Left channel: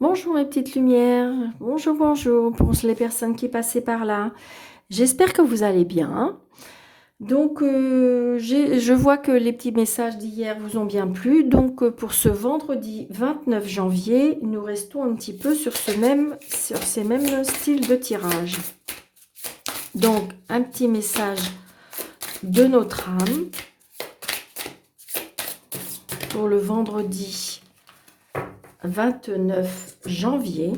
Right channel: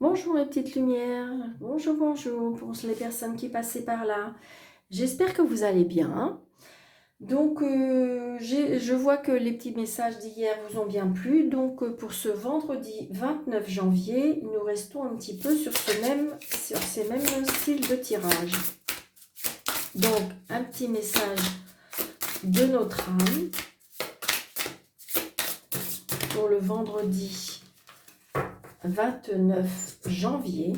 Bonjour mes petites lumières, bonjour, bonjour pour les personnes qui passaient par là. J'espère que vous allez bien. Donc, je vois que les petits messages d'hier vous ont bien plu. Donc, pour ce vendredi 29 janvier, nous restons un petit peu sur ces mêmes styles de tirage. Donc, un petit message de notre âme pour le vendredi 29 janvier.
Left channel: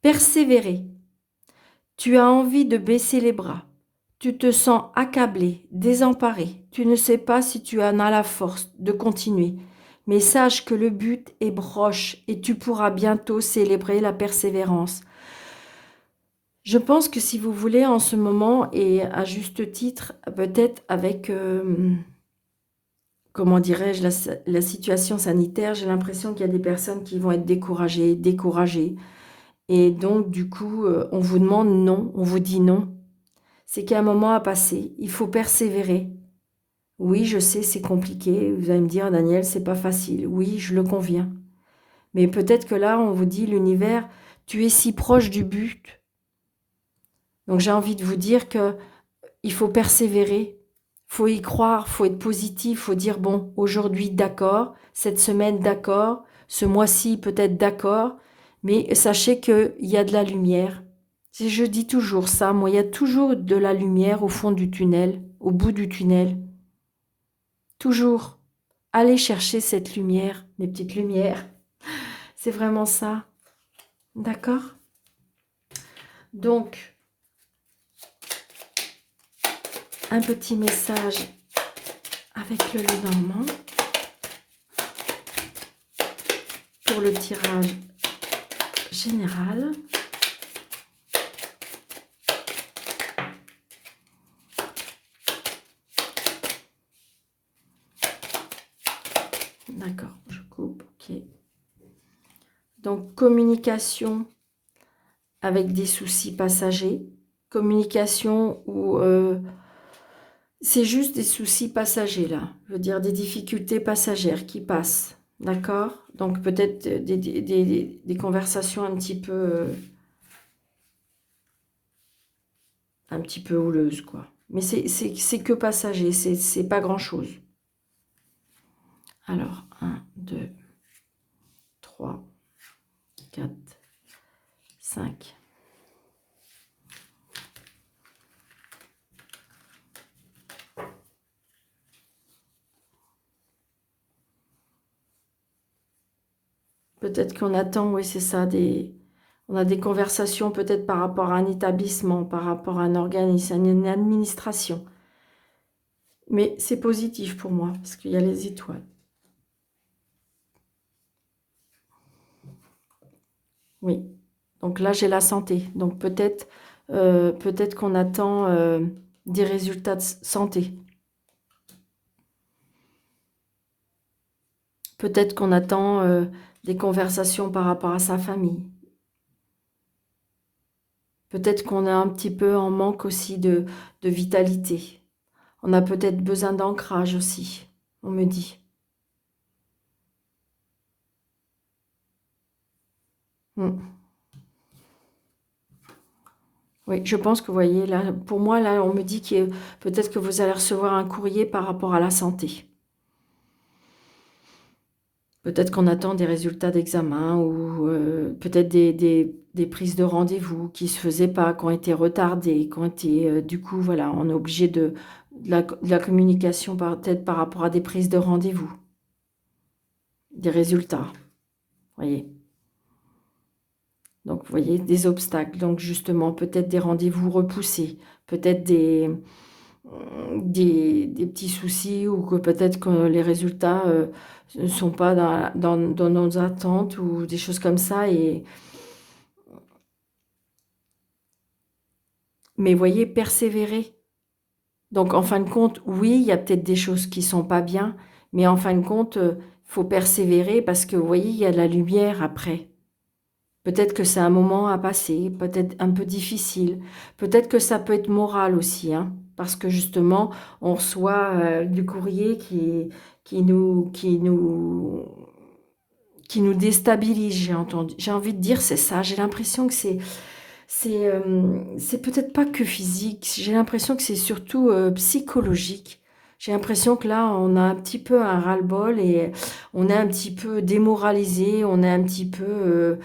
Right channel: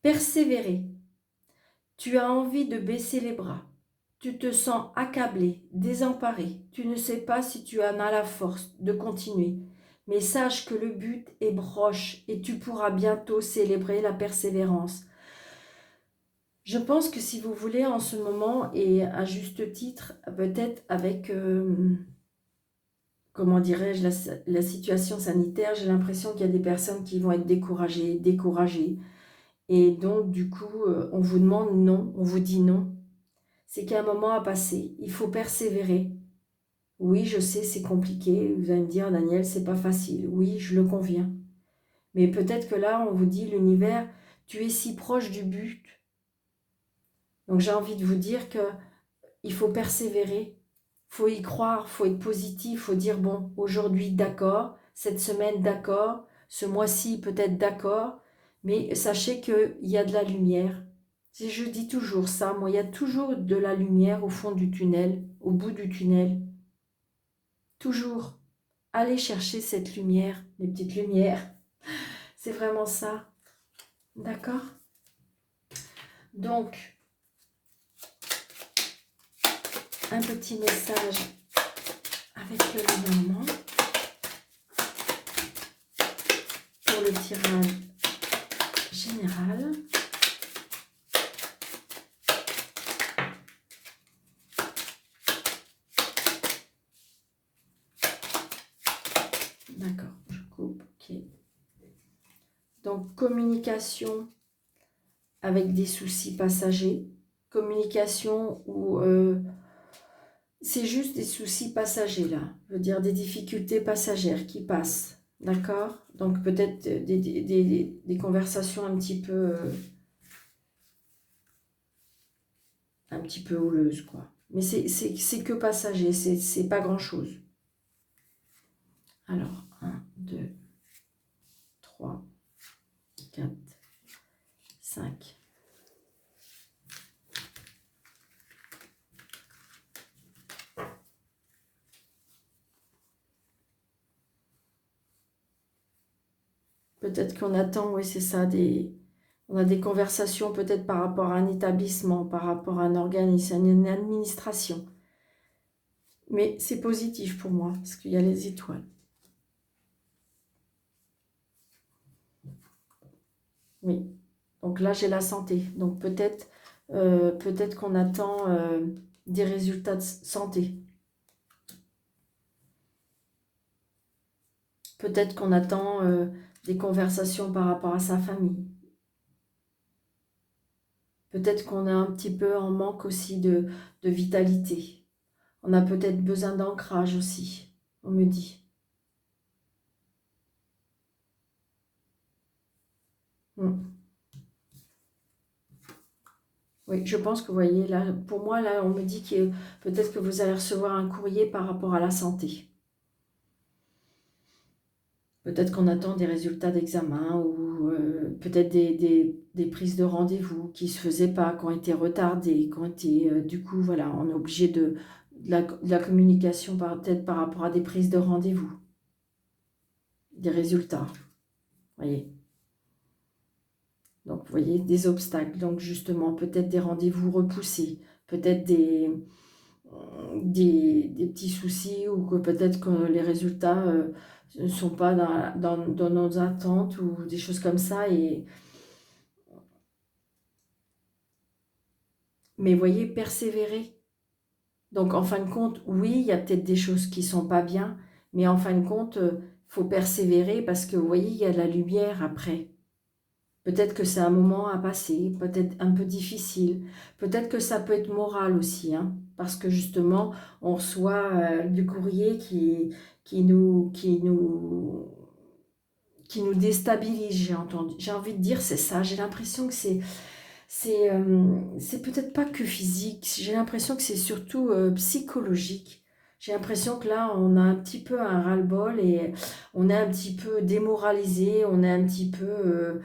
Persévérer. Tu as envie de baisser les bras. Tu te sens accablé, désemparé. Tu ne sais pas si tu en as la force de continuer. Mais sache que le but est proche et tu pourras bientôt célébrer la persévérance. Je pense que si vous voulez en ce moment, et à juste titre, peut-être avec, comment dirais-je, la situation sanitaire, j'ai l'impression qu'il y a des personnes qui vont être découragées. Et donc, du coup, on vous demande non, on vous dit non. C'est qu'il y a un moment à passer. Il faut persévérer. Oui, je sais, c'est compliqué. Vous allez me dire, Daniel, c'est pas facile. Oui, je le conviens. Mais peut-être que là, on vous dit, l'univers, tu es si proche du but. Donc j'ai envie de vous dire que il faut persévérer. Faut y croire, faut être positif, faut dire bon, aujourd'hui d'accord, cette semaine d'accord, ce mois-ci peut-être d'accord, mais sachez qu'il y a de la lumière. Je dis toujours ça, moi, il y a toujours de la lumière au fond du tunnel, au bout du tunnel. Toujours. Allez chercher cette lumière, mes petites lumières. C'est vraiment ça. D'accord? Donc, un petit message avec le Lenormand pour le tirage général. D'accord, je coupe, ok. Donc, communication avec des soucis passagers. Communication où c'est juste des soucis passagers, là. Je veux dire, des difficultés passagères qui passent. D'accord? Donc, peut-être des conversations un petit peu houleuses, quoi. Mais c'est que passager, c'est pas grand-chose. Alors, un, 2, 3, 4, 5. Peut-être qu'on attend, oui, c'est ça, on a des conversations peut-être par rapport à un établissement, par rapport à un organisme, à une administration. Mais c'est positif pour moi, parce qu'il y a les étoiles. Oui. Donc là, j'ai la santé. Donc peut-être qu'on attend des résultats de santé. Peut-être qu'on attend des conversations par rapport à sa famille. Peut-être qu'on a un petit peu en manque aussi de vitalité. On a peut-être besoin d'ancrage aussi, on me dit. Mm. Oui, je pense que vous voyez, là, pour moi, là, on me dit que peut-être que vous allez recevoir un courrier par rapport à la santé. Peut-être qu'on attend des résultats d'examen ou peut-être des prises de rendez-vous qui ne se faisaient pas, qui ont été retardées, qui ont été... du coup, voilà, on est obligé de la communication peut-être par rapport à des prises de rendez-vous, des résultats, vous voyez. Donc, vous voyez, des obstacles. Donc, justement, peut-être des rendez-vous repoussés, peut-être des petits soucis ou que peut-être que les résultats ne sont pas dans nos attentes ou des choses comme ça. Mais voyez, persévérer. Donc, en fin de compte, oui, il y a peut-être des choses qui sont pas bien, mais en fin de compte, faut persévérer parce que, vous voyez, il y a de la lumière après. Peut-être que c'est un moment à passer, peut-être un peu difficile. Peut-être que ça peut être moral aussi, hein, parce que justement, on reçoit du courrier qui nous qui nous déstabilise, j'ai envie de dire, c'est ça. J'ai l'impression que c'est peut-être pas que physique, j'ai l'impression que c'est surtout psychologique. J'ai l'impression que là, on a un petit peu un ras-le-bol et on est un petit peu démoralisé, on est un petit peu...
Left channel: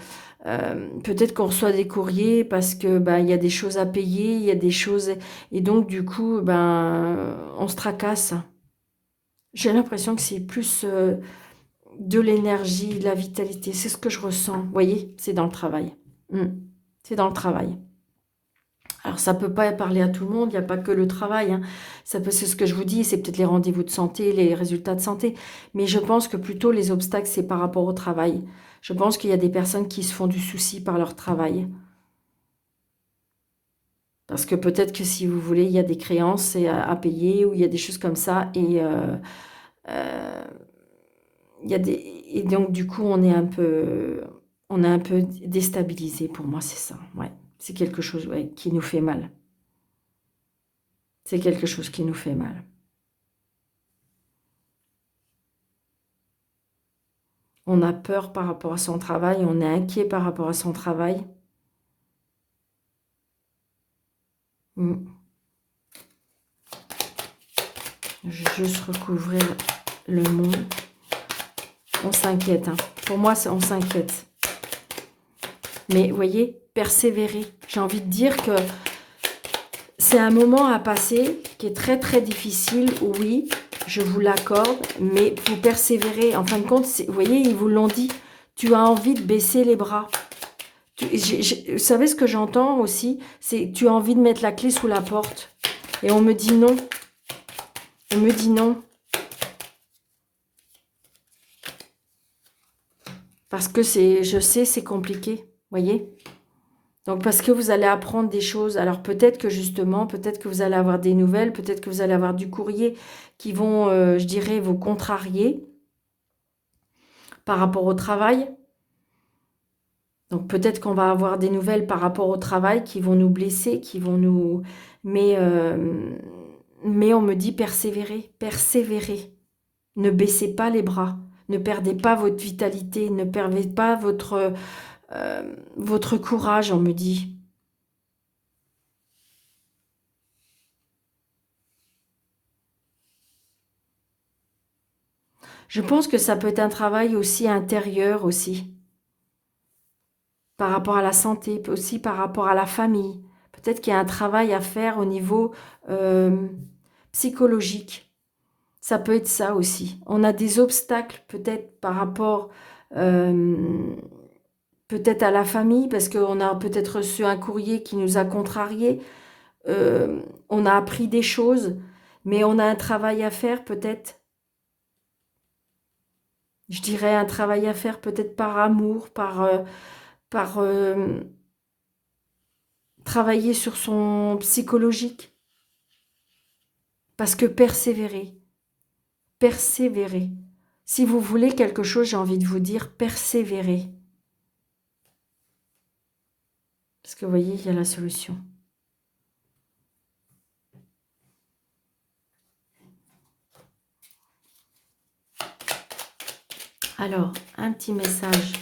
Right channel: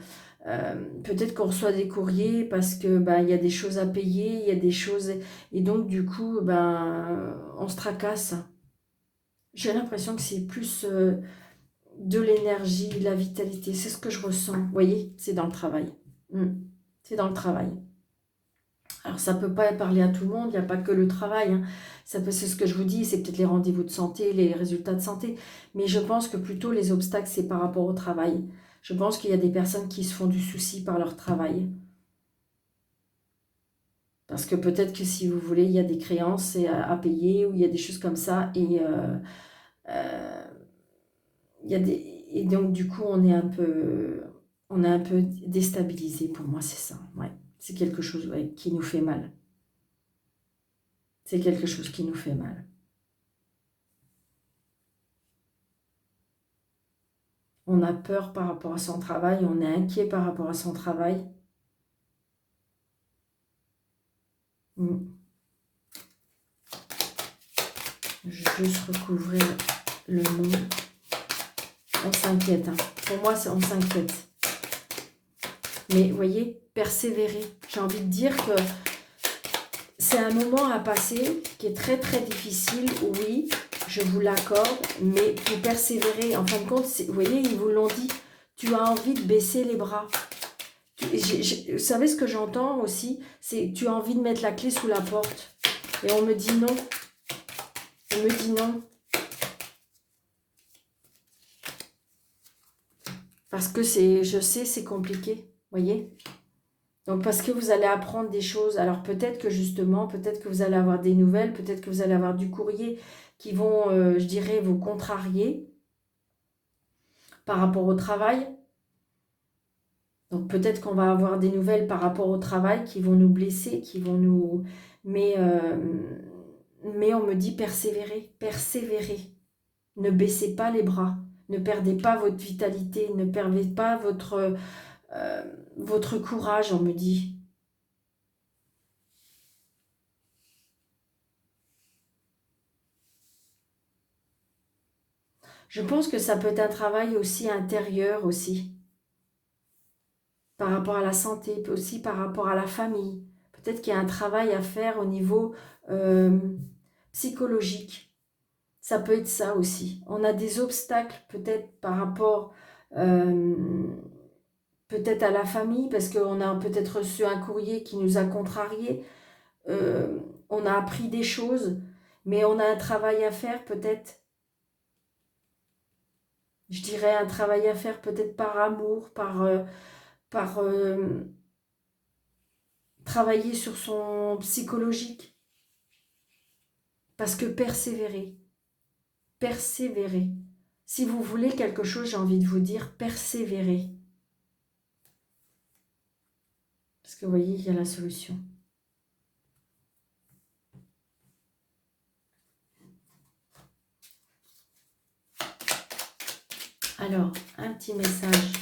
peut-être qu'on reçoit des courriers parce que ben, il y a des choses à payer, il y a des choses... Et donc, du coup, ben, on se tracasse. J'ai l'impression que c'est plus de l'énergie, de la vitalité. C'est ce que je ressens. Vous voyez, c'est dans le travail. Mm. C'est dans le travail. Alors, ça ne peut pas parler à tout le monde, il n'y a pas que le travail, hein. C'est ce que je vous dis, c'est peut-être les rendez-vous de santé, les résultats de santé. Mais je pense que plutôt les obstacles, c'est par rapport au travail. Je pense qu'il y a des personnes qui se font du souci par leur travail. Parce que peut-être que si vous voulez, il y a des créances à payer ou il y a des choses comme ça. Euh, il y a des, et donc, du coup, on est un peu déstabilisé. Pour moi, c'est ça. Ouais. C'est quelque chose, ouais, qui nous fait mal. C'est quelque chose qui nous fait mal. On a peur par rapport à son travail, on est inquiet par rapport à son travail. Mm. Je vais juste recouvrir le mot. On s'inquiète, hein. Pour moi, on s'inquiète. Mais vous voyez, persévérer. J'ai envie de dire que c'est un moment à passer qui est très très difficile, oui, je vous l'accorde, mais vous persévérez. En fin de compte, vous voyez, ils vous l'ont dit, tu as envie de baisser les bras. Vous savez ce que j'entends aussi? C'est tu as envie de mettre la clé sous la porte. Et on me dit non. On me dit non. Parce que je sais, c'est compliqué. Voyez? Donc, parce que vous allez apprendre des choses. Alors, peut-être que justement, peut-être que vous allez avoir des nouvelles, peut-être que vous allez avoir du courrier qui vont, je dirais, vous contrarier par rapport au travail. Donc, peut-être qu'on va avoir des nouvelles par rapport au travail qui vont nous blesser, qui vont nous... Mais on me dit persévérer, persévérer. Ne baissez pas les bras. Ne perdez pas votre vitalité. Ne perdez pas votre courage, on me dit. Je pense que ça peut être un travail aussi intérieur aussi, par rapport à la santé, aussi par rapport à la famille. Peut-être qu'il y a un travail à faire au niveau euh, psychologique. Ça peut être ça aussi. On a des obstacles peut-être par rapport euh, peut-être à la famille, parce qu'on a peut-être reçu un courrier qui nous a contrariés. On a appris des choses, mais on a un travail à faire peut-être. Je dirais un travail à faire peut-être par amour, par travailler sur son psychologique. Parce que persévérer, persévérer. Si vous voulez quelque chose, j'ai envie de vous dire persévérer. Parce que vous voyez, il y a la solution. Alors, un petit message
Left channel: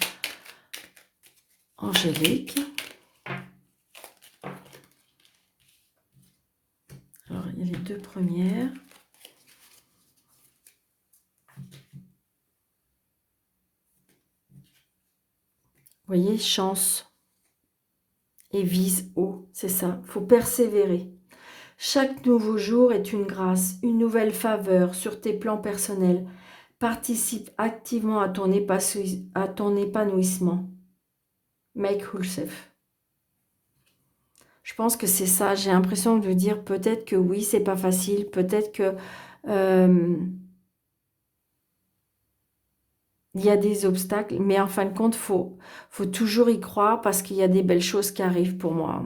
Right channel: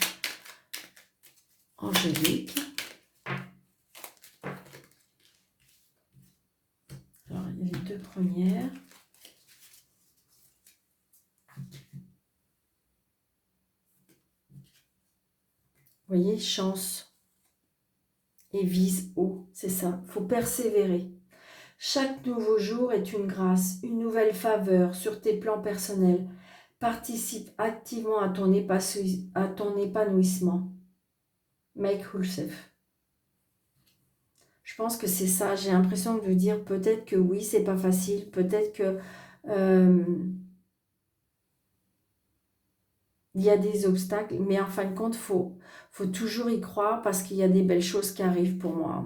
angélique. Alors, il y a les deux premières. Vous voyez, chance et vise haut, c'est ça. Il faut persévérer. Chaque nouveau jour est une grâce, une nouvelle faveur sur tes plans personnels. Participe activement à ton épanouissement. Make yourself. Je pense que c'est ça. J'ai l'impression de dire peut-être que oui, c'est pas facile. Peut-être que euh, il y a des obstacles. Mais en fin de compte, faut toujours y croire parce qu'il y a des belles choses qui arrivent pour moi.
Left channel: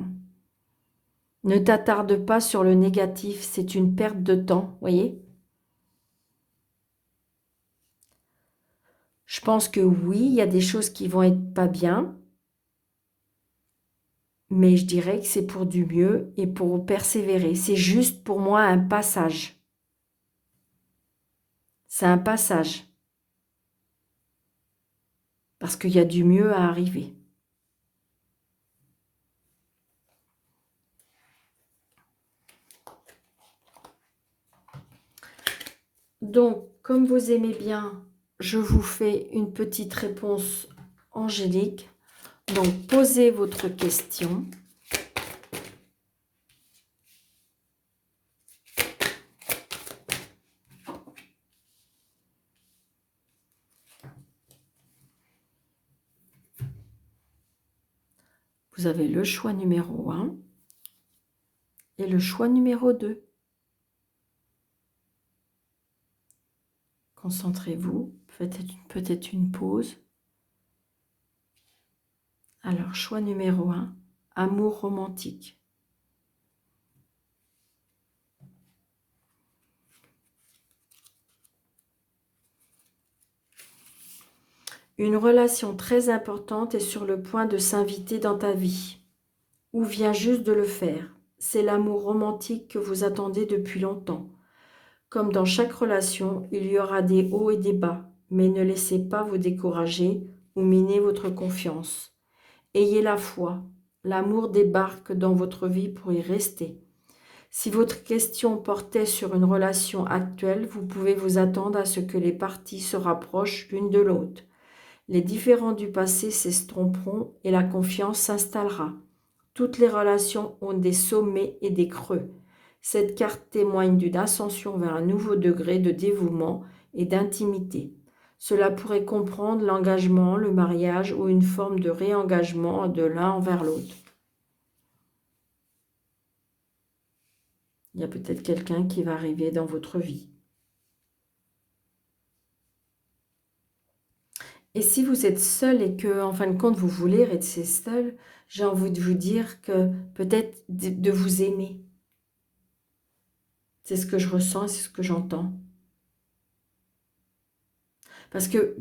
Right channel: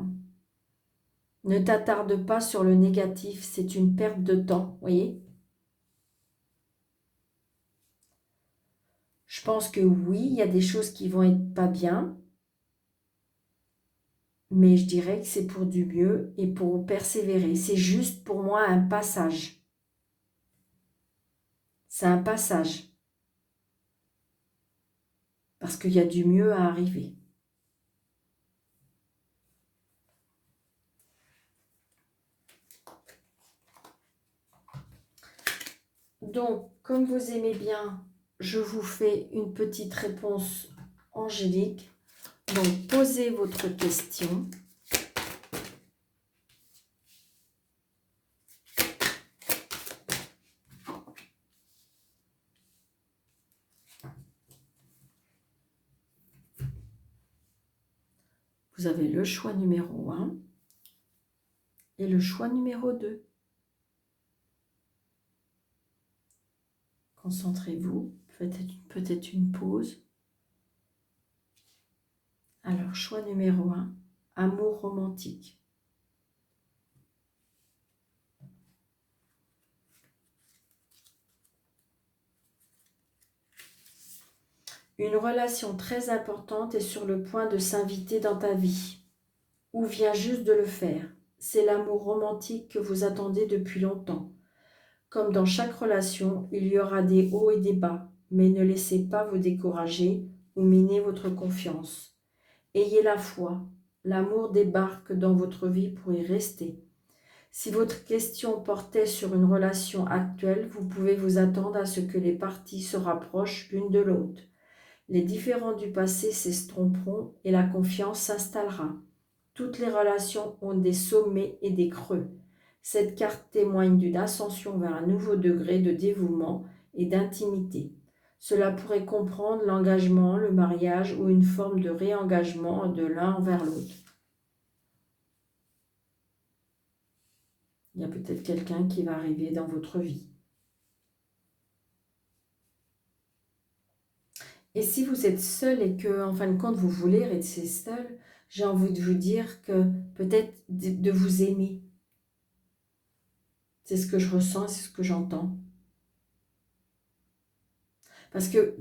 Ne t'attarde pas sur le négatif. C'est une perte de temps. Voyez? Je pense que oui, il y a des choses qui vont être pas bien. Mais je dirais que c'est pour du mieux et pour persévérer. C'est juste pour moi un passage. C'est un passage. parce qu'il y a du mieux à arriver. Donc, comme vous aimez bien, je vous fais une petite réponse angélique. Donc, posez votre question. Vous avez le choix numéro 1 et le choix numéro 2. Concentrez-vous, faites peut-être une pause. Alors, choix numéro 1, amour romantique. Une relation très importante est sur le point de s'inviter dans ta vie, ou vient juste de le faire. C'est l'amour romantique que vous attendez depuis longtemps. Comme dans chaque relation, il y aura des hauts et des bas, mais ne laissez pas vous décourager ou miner votre confiance. Ayez la foi, l'amour débarque dans votre vie pour y rester. Si votre question portait sur une relation actuelle, vous pouvez vous attendre à ce que les parties se rapprochent l'une de l'autre. Les différends du passé s'estomperont et la confiance s'installera. Toutes les relations ont des sommets et des creux. Cette carte témoigne d'une ascension vers un nouveau degré de dévouement et d'intimité. Cela pourrait comprendre l'engagement, le mariage ou une forme de réengagement de l'un envers l'autre. Il y a peut-être quelqu'un qui va arriver dans votre vie. Et si vous êtes seul et que, en fin de compte, vous voulez rester seul, j'ai envie de vous dire que peut-être de vous aimer. C'est ce que je ressens, c'est ce que j'entends. Parce que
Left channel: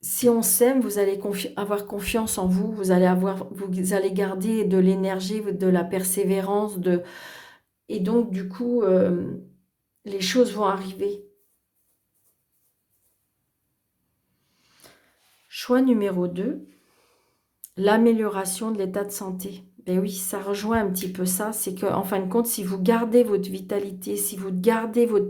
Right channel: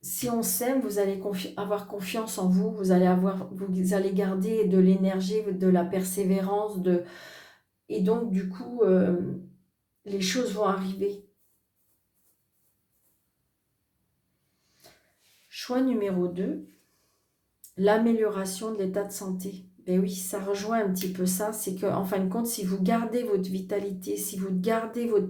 si on s'aime, vous allez avoir confiance en vous, vous allez garder de l'énergie, de la persévérance, et donc du coup, les choses vont arriver. Choix numéro 2, l'amélioration de l'état de santé. Ben oui, ça rejoint un petit peu ça, c'est qu'en fin de compte, si vous gardez votre vitalité, si vous gardez votre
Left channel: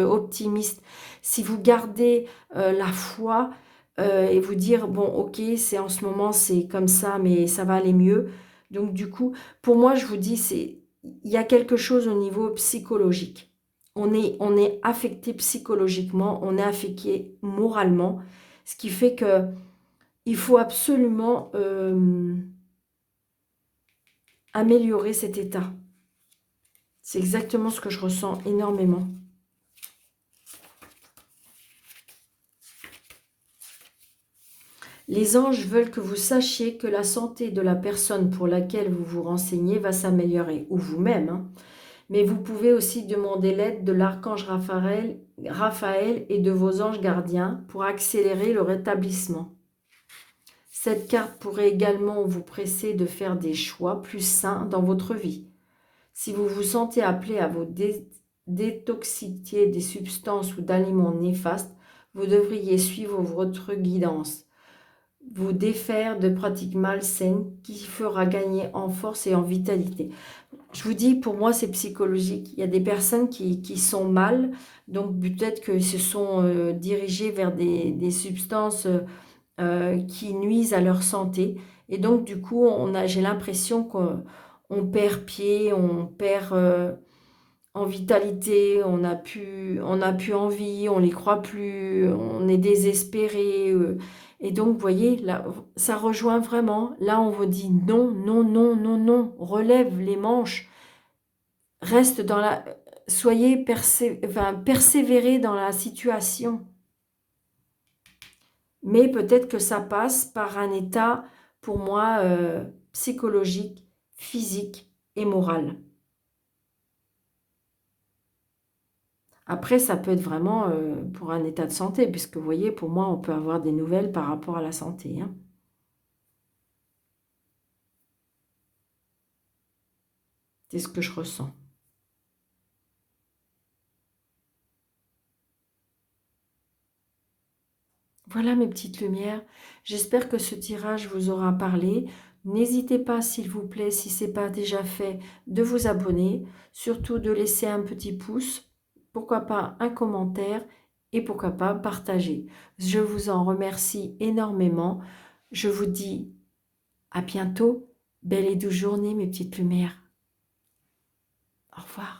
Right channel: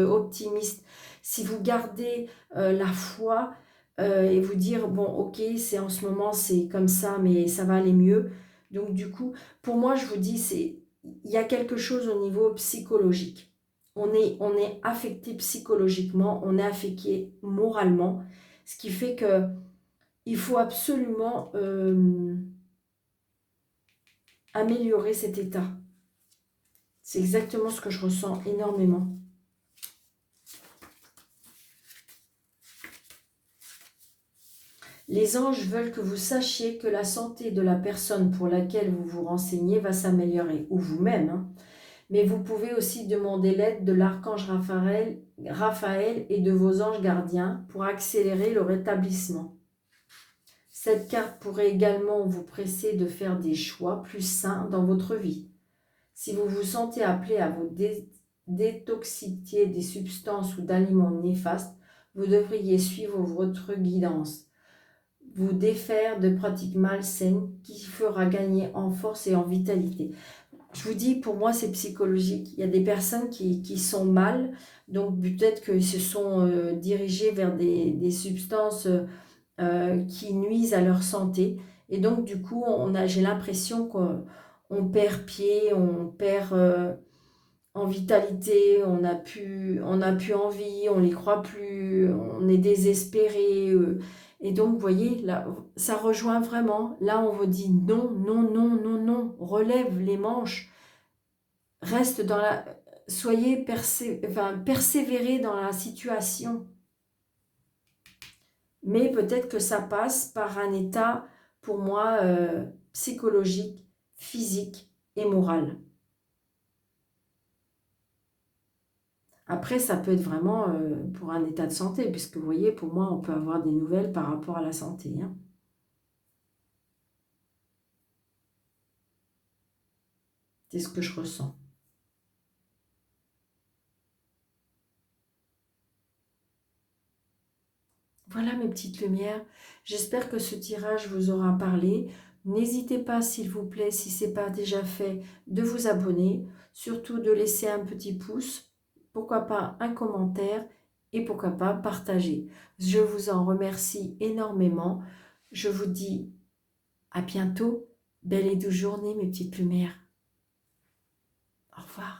optimisme, si vous gardez la foi et vous dire, bon, ok, c'est en ce moment, c'est comme ça, mais ça va aller mieux. Donc du coup, pour moi, je vous dis, il y a quelque chose au niveau psychologique. On est affecté psychologiquement, on est affecté moralement, ce qui fait que il faut absolument améliorer cet état. C'est exactement ce que je ressens énormément. Les anges veulent que vous sachiez que la santé de la personne pour laquelle vous vous renseignez va s'améliorer, ou vous-même. Hein. Mais vous pouvez aussi demander l'aide de l'archange Raphaël et de vos anges gardiens pour accélérer le rétablissement. Cette carte pourrait également vous presser de faire des choix plus sains dans votre vie. Si vous vous sentez appelé à vous détoxifier des substances ou d'aliments néfastes, vous devriez suivre votre guidance, vous défaire de pratiques malsaines qui fera gagner en force et en vitalité. Je vous dis, pour moi, c'est psychologique. Il y a des personnes qui sont mal, donc peut-être qu'ils se sont dirigés vers des substances qui nuisent à leur santé. Et donc, du coup, j'ai l'impression qu'on perd pied, on perd en vitalité, on n'a plus envie, on les croit plus, on est désespéré. Et donc, vous voyez, là, ça rejoint vraiment. Là, on vous dit non, non, non, non, non. Relève les manches. Reste dans la... Soyez persévérez dans la situation. Mais peut-être que ça passe par un état, pour moi, psychologique, physique et moral. Après, ça peut être vraiment pour un état de santé, puisque vous voyez, pour moi, on peut avoir des nouvelles par rapport à la santé. Hein. C'est ce que je ressens. Voilà mes petites lumières. J'espère que ce tirage vous aura parlé. N'hésitez pas, s'il vous plaît, si ce n'est pas déjà fait, de vous abonner. Surtout de laisser un petit pouce. Pourquoi pas un commentaire et pourquoi pas partager. Je vous en remercie énormément. Je vous dis à bientôt. Belle et douce journée, mes petites lumières. Au revoir.